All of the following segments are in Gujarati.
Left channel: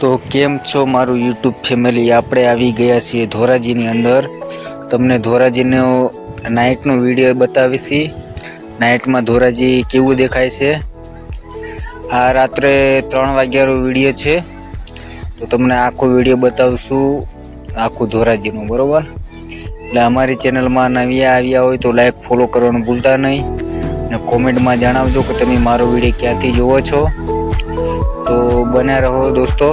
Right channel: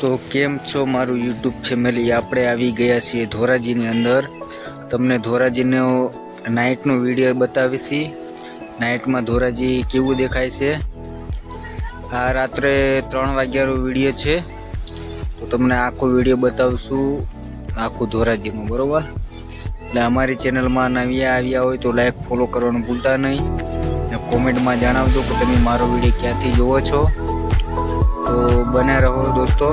તો કેમ છો મારું યુટ્યુબ ફેમિલી? આપણે આવી ગયા છીએ ધોરાજીની અંદર. તમને ધોરાજીનો નાઇટનો વિડીયો બતાવીશી. નાઇટમાં ધોરાજી કેવું દેખાય છે. આ રાત્રે 3 વાગ્યાનો વિડીયો છે. તો તમને આખો વિડીયો બતાવશું, આખું ધોરાજીનું, બરોબર? એટલે અમારી ચેનલમાં નવી આવ્યા હોય તો લાઈક ફોલો કરવાનું ભૂલતા નહીં, અને કોમેન્ટમાં જણાવજો કે તમે મારો વિડીયો ક્યાંથી જોવો છો. તો બન્યા રહો દોસ્તો.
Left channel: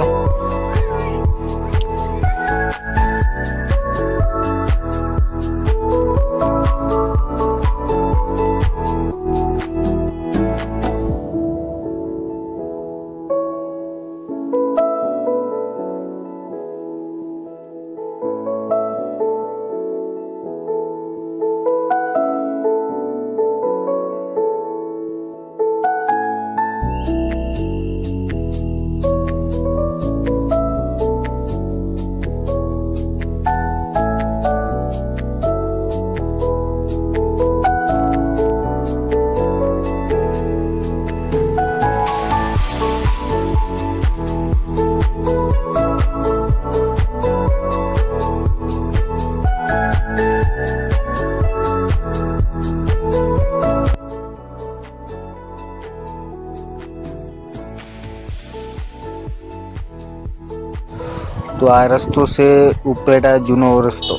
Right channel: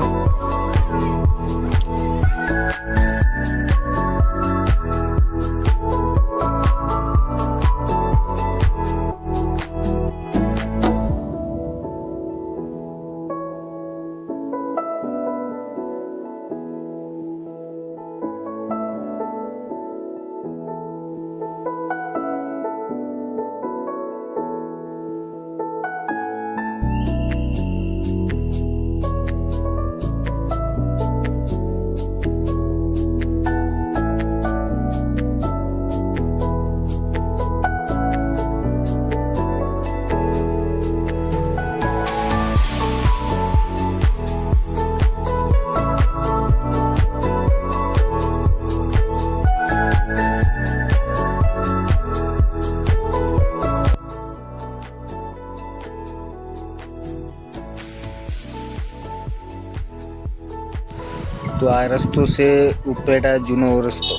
તો આ રસ્તો છે ઉપરેટા જૂનો રસ્તો.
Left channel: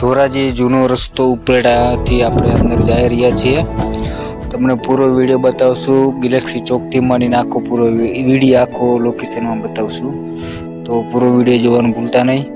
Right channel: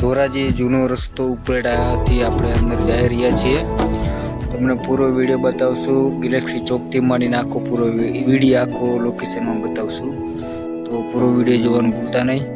ધોરાજી જૂનો રસ્તો ઉપરેટાથી આપણે અંદર જઈ રહ્યા છીએ. તમને પૂરો વિડીયો બતાવશું. ગેલેક્સી ચોકથી માંડીને આખો પૂરો વિડીયો આખો લોકેશનમાં બતાવશું. તો પૂરો વિડીયો જોવાનું ભૂલતા નહીં.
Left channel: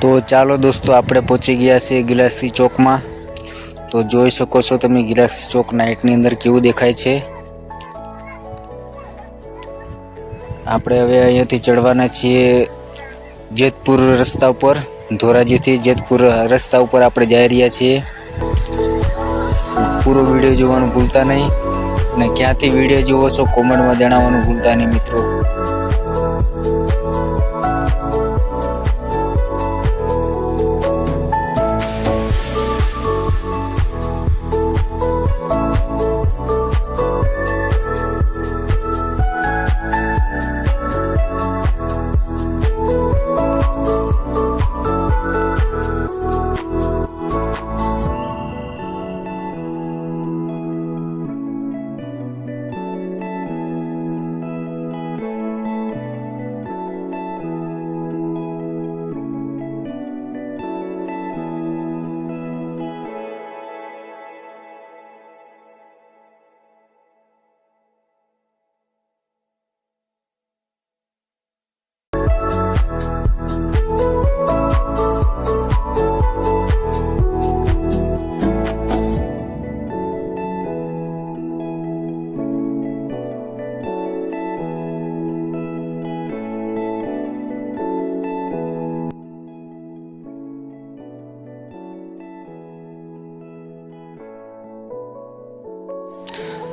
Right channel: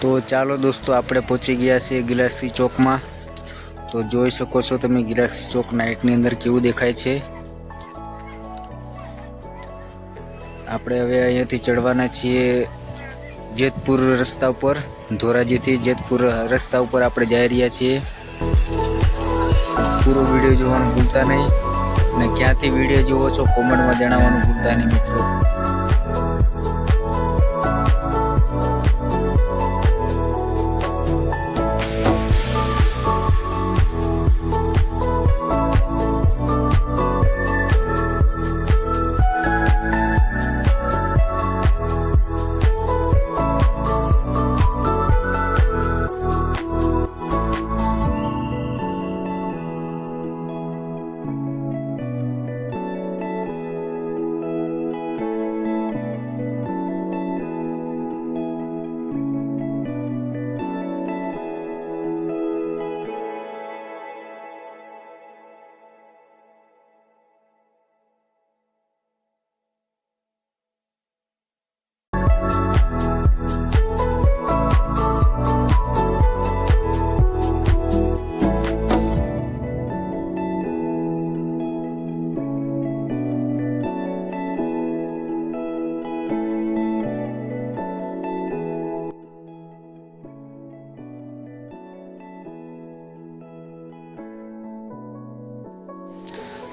તો ચાલો દોસ્તો, આપણે પહોંચી ગયા છીએ ગેલેક્સી ચોકમાં. તો જોઈ શકો છો તમે ગેલેક્સી ચોક નાઇટની અંદર કેવું દેખાય છે. આપણે હવે અહીંયાથી ચડવાના છીએ જેતપુર રસ્તા ઉપર. ધોરાજીથી જેતપુર રસ્તા ઉપર આપણે જઈ રહ્યા છીએ. પૂરો વિડીયો જોવાનું ભૂલતા નહીં, અને ક્યાંથી વિડીયો જોવો છો કોમેન્ટમાં જણાવવાનું ભૂલતા નહીં મિત્રો.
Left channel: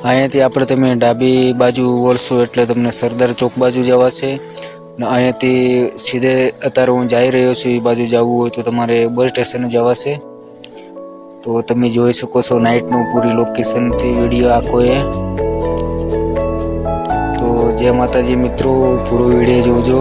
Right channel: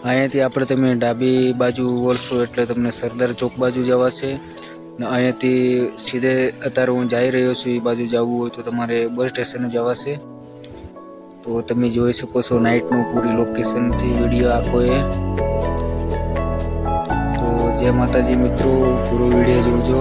અહીંયાથી આપણે તમે ડાબી બાજુ વળશો એટલે તમને સરદાર ચોક બાજુ જવાશે ને અહીંયાથી સીધે અત્યારે હું જઈ રહ્યો છું એ બાજુ જવું હોય તો તમારે બસ સ્ટેશને જવાશે। તો તમે જોઈ શકો છો નાઇટનું પૂરી લોકેશનથી વિડીયો આખો એ। તો જય માતાજી મિત્રો, પૂરો વિડીયો જોજો।